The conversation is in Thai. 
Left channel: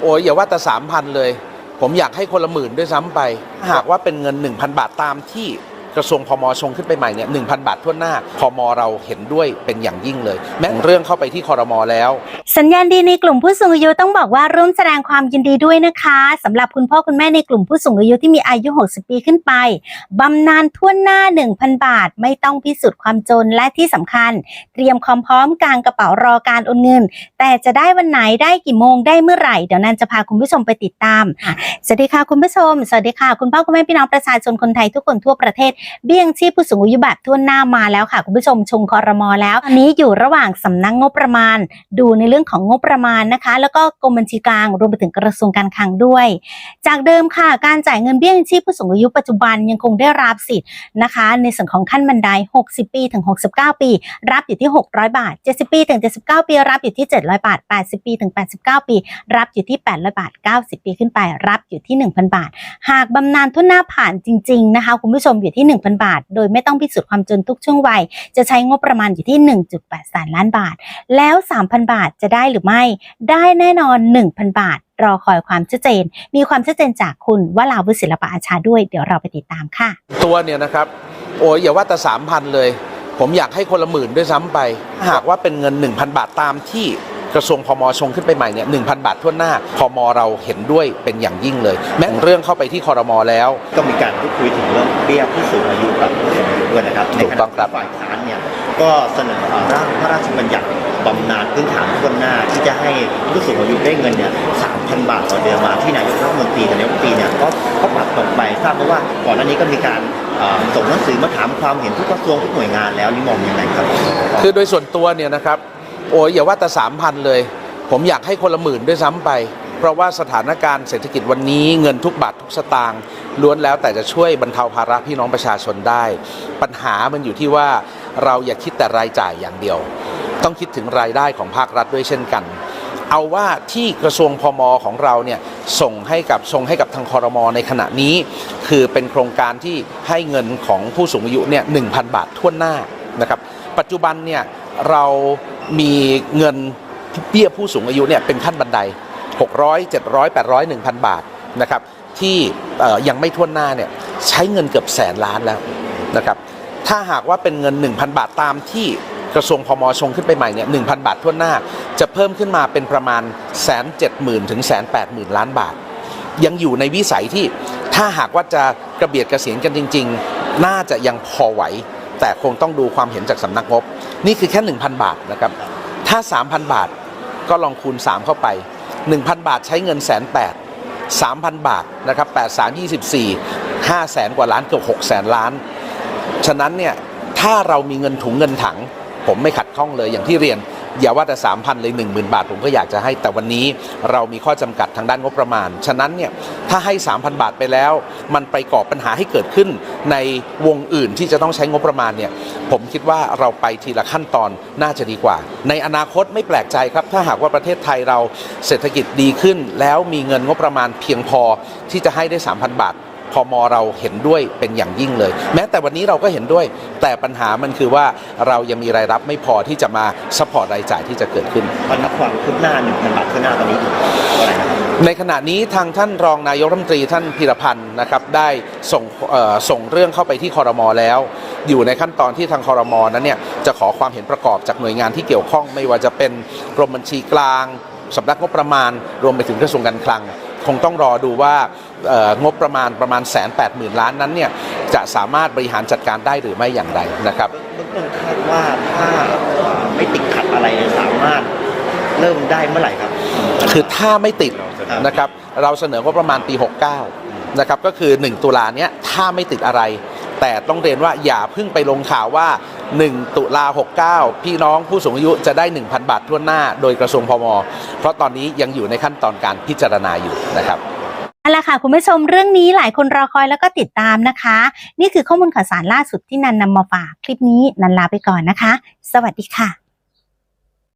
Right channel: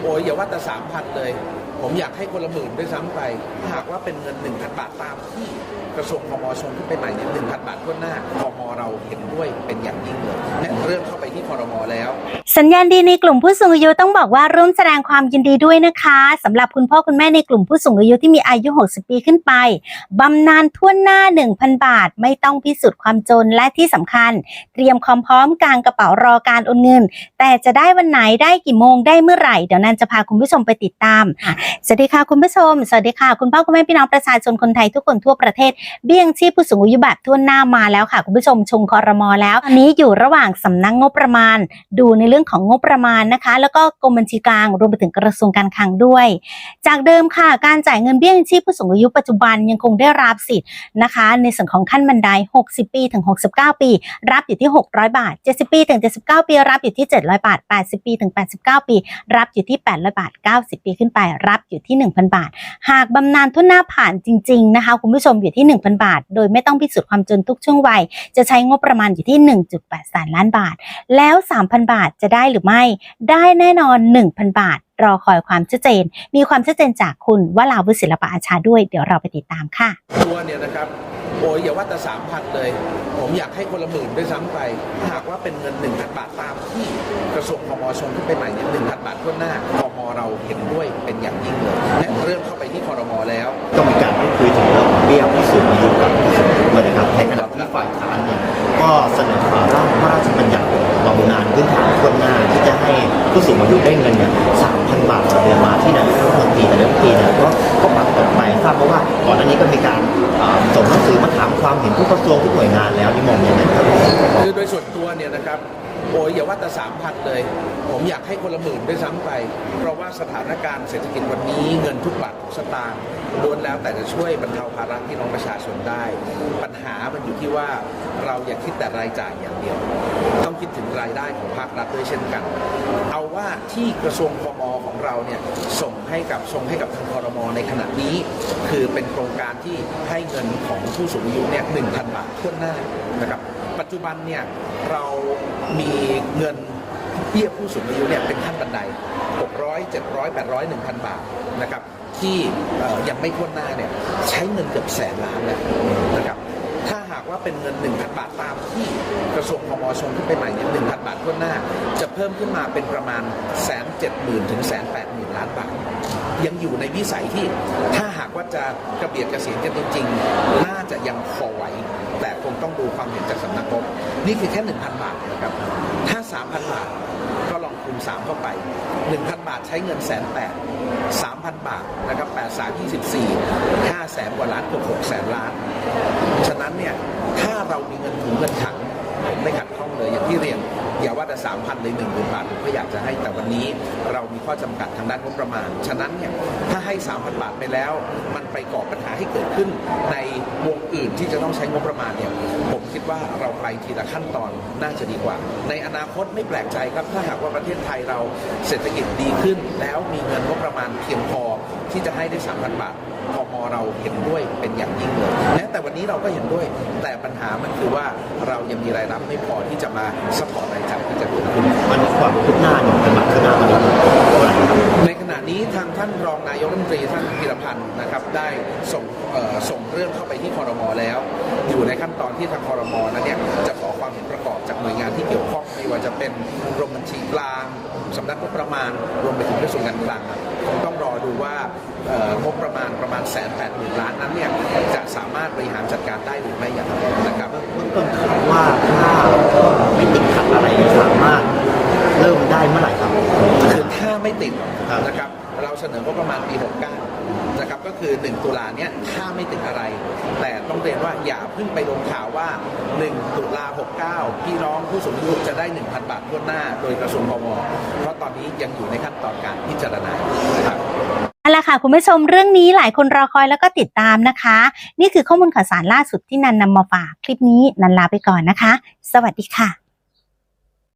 โอ้ยอย่าว่าแต่สามพันเลย ผมอยากให้คนละหมื่นด้วยซ้ำไป หากว่าเป็นเงิน 1,000 บาทตามที่ กระทรวงพมชงขึ้นไปใหม่เนี่ยหนึ่งบาททั่วหน้าพมเราเห็นด้วยเป็นอย่างยิ่งเลย แม้เรื่องเข้าไปที่คอรมอแล้ว สัญญาณดีในกลุ่มผู้สูงอายุต้องบอกว่าร่วมแสดงความยินดีด้วยนะคะสำหรับคุณพ่อคุณแม่ในกลุ่มผู้สูงอายุที่มีอายุ 60 ปีขึ้นไปบำนาญทั่วหน้า 1,000 บาท ไม่ต้องพิสูจน์ความจนและที่สำคัญ เตรียมความพร้อมกลางกระเป๋ารอการโอนเงิน แต่จะได้วันไหนได้กี่โมงได้เมื่อไหร่เดี๋ยวนันจะพาคุณผู้ชมไปติดตามอะสวัสดีค่ะคุณผู้ชมสวัสดีค่ะคุณพ่อคุณแม่พี่น้องประชาชนคนไทยทุกคนทั่วประเทศเบี้ยงชีพผู้สูงอายุแบบทั่วหน้ามาแล้วค่ะคุณผู้ชมชงคอรมอแล้วอันนี้อยู่ระหว่างสำนักงบประมาณ ดูในเรื่องของงบประมาณนะคะ แล้วก็กรมบัญชีกลางรวมไปถึงกระทรวงการคลังด้วย จากเดิมค่ะการจ่ายเงินเบี้ยงชีพผู้สูงอายุปัจจุบันยังคงได้รับสิทธิ์นะคะ ในส่วนของขั้นบันได 60 ปีถึง 69 ปี รับอยู่ที่ 600 บาท 70 ปีถึง 79 ปี รับอยู่ที่ 700 บาท 80 ปีถึง 89 ปี รับอยู่ที่ 800 บาท 90 ปีขึ้นไป รับอยู่ที่ 1,000 บาท หากบำนาญทุนหน้าผ่านจริง ๆ นะคะ คุณผู้ชมอยู่ที่1,000 บาท โดยไม่ต้องพิสูจน์ความจนทุกช่วงวัย จะใช้งบประมาณอยู่ที่ 1.8แสนล้านบาท แล้ว 3,000 บาทจะได้หรือไม่ ได้แน่นอน 1,000 บาท รอคอยความชัดเจน มีความชัดเจนจากคุณวลาวุฒิศิลปะอาชาด้วย เดี๋ยวเราไปติดตามค่ะ ตัวเนี่ยนะครับ โอ้ยอย่าว่าแต่สามพันเลย ผมอยากให้คนละหมื่นด้วยซ้ำไปถ้าหากว่าเป็นเงิน 1,000 บาทตามที่กระทรวงพมชงขึ้นไปใหม่เนี่ยหนึ่งบาททั่วหน้าพมเราเห็นด้วยเป็นอย่างยิ่งเลย แม้เรื่องเข้าไปที่คอรมอแล้วก็มีการพูดคุยถึงเรื่อง เบี้ยผู้สูงอายุกับผู้สูงอายุด้วยนะครับในถูขกต้ณะองครับที่ฝ่ายค้านเนี่ยก็เสนอร่างพระราชบัญญัติบำนาญพื้นฐานทั่วหน้าที่จะให้ผู้สูงอายุได้เงินเนี่ย3,000บาทต่อเดือนมาที่นายกรัฐมนตรีแต่นายกรัฐมนตรีเนี่ยก็ก็ปัดตกไปทราบเพราะว่าก่อนหน้านี้ก็มีการเอ่อส่งหนังสือมาถามความเห็นทุกกระทรวงทุกหน่วยงานแล้วนี่มองยังไงครับ คือโดยส่วนตัวเนี่ยนะครับโอ้ยอย่าว่าแต่สามพันเลย ผมอยากให้คนละหมื่นด้วยซ้ำไป เพราะว่าสถานการณ์เศรษฐกิจวันนี้เงินทุกบาททุกสตางค์ล้วนแล้วแต่จะช่วยบรรเทาภาระพี่น้องประชาชนได้ ปัญหามันอยู่ที่ว่าเราอย่าคิดแต่รายจ่ายอย่างเดียว ต้องคิดถึงรายได้ของภาครัฐด้วยเช่นกัน เอาว่าที่กระทรวงพมของเราเนี่ยส่งให้กับส่งให้กับทางคอรมอในขณะนี้ คือเป็นโครงการที่ให้เงินของผู้สูงอายุเนี่ยหนึ่งบาททั่วหน้านะครับปัจจุบันเนี่ยเรามีเงิน เบี้ยผู้สูงอายุเนี่ยเป็นขั้นบันได 600 700 800 1,000 บาทนะครับที่ยังไม่ทั่วหน้าเนี่ยใช้เงินเกือบแสนล้านแล้วนะครับถ้าหากว่าเป็นเงิน 1,000 บาทตามที่กระทรวงพมชงขึ้นไปใหม่เนี่ย1,000บาททั่วหน้า จะเพิ่มขึ้นมาเป็นประมาณแสนเจ็ดหมื่นถึงแสนแปดหมื่นล้านบาท ยังอยู่ในวิสัยที่ถ้าหากว่าจะกระเบียดกระเสียนกันจริง ๆ น่าจะยังพอไหว แต่คงต้องดูความเห็นจากสำนักงบ นี่คือแค่ 1,000 บาทนะครับถ้า 3,000 บาท ก็ลองคูณ 3 เข้าไป 1,000 บาทใช้เงินแสนแปด3,000 บาทนะครับ8 3 24 5แสนกว่าล้านเกือบ6แสนล้าน ฉะนั้นเนี่ยถ้าเรามีเงินถุงเงินถัง ผมไม่ขัดข้องเลยอย่างที่เรียน อย่าว่าแต่3,000เลย10,000บาท ผมก็อยากจะให้แต่วันนี้เรามีข้อจำกัดทางด้านงบประมาณ ฉะนั้นเนี่ยถ้าให้ 3,000 บาทไปแล้ว มันไปก่อปัญหาให้เกิดขึ้นในวงอื่นที่จะต้องใช้งบประมาณเนี่ยผมคิดว่าเราไปทีละขั้นตอนน่าจะดีกว่า ในอนาคตไม่แปลกใจครับ ถ้าหากว่าประเทศไทยเราเศรษฐกิจดีขึ้น แล้วมีเงินงบประมาณเพียงพอที่จะให้ได้ 3,000 บาท พมเราเห็นด้วยเป็นอย่างยิ่งเลย แม้แต่วันนี้เราก็เห็นด้วย แต่ปัญหามันคือว่าเรายังมีรายรับไม่พอที่จะมาสปอร์ตรายจ่ายที่จะเกิดขึ้นมันความคืบหน้าหนึ่งเป็นบาทคืบหน้าตอนนี้เท่าไหร่ครับในขณะนี้ทางท่านรองนายกรัฐมนตรีท่านพิรพันธ์นะครับได้ส่งเอ่อส่งเรื่องเข้าไปที่คอรมอแล้ว อยู่ในขั้นตอนที่ทางคอรมอนั้นเนี่ยจะขอความเห็นประกอบจากหน่วยงานที่เกี่ยวข้อง ไม่ว่าจะเป็นกรมบัญชีกลางสำนักงบประมาณ รวมไปถึงกระทรวงการคลัง คงต้องรอดูว่าเอ่อ งบประมาณประมาณแสนแปดหมื่นล้านนั้นเนี่ยจะสามารถบริหารจัดการได้หรือไม่อย่างไรนะครับว่าถ้าไม่ติดขัดอะไรเนี่ยสามารถเริ่มได้เมื่อไหร่ครับ คือถ้าไม่ติดครับนะครับเราเสนองบประมาณปี 69 นะครับก็คือ 1 ตุลาเนี้ยถ้าไม่ติดอะไร แต่ต้องเรียนว่าอย่าเพิ่งไปลงข่าวว่า 1 ตุลา 69 พี่น้องผู้สูงอายุจะได้ 1,000 บาททั่วหน้า โดยกระทรวงพม เพราะตอนนี้ยังอยู่ในขั้นตอนการพิจารณาอยู่นะครับ เอาละค่ะคุณผู้ชมเรื่องนี้หลายคนรอคอยแล้วก็ติดตามนะคะ นี่คือข้อมูลข่าวสารล่าสุดที่นันนำมาฝากคลิปนี้นันลาไปก่อนนะคะ สวัสดีค่ะ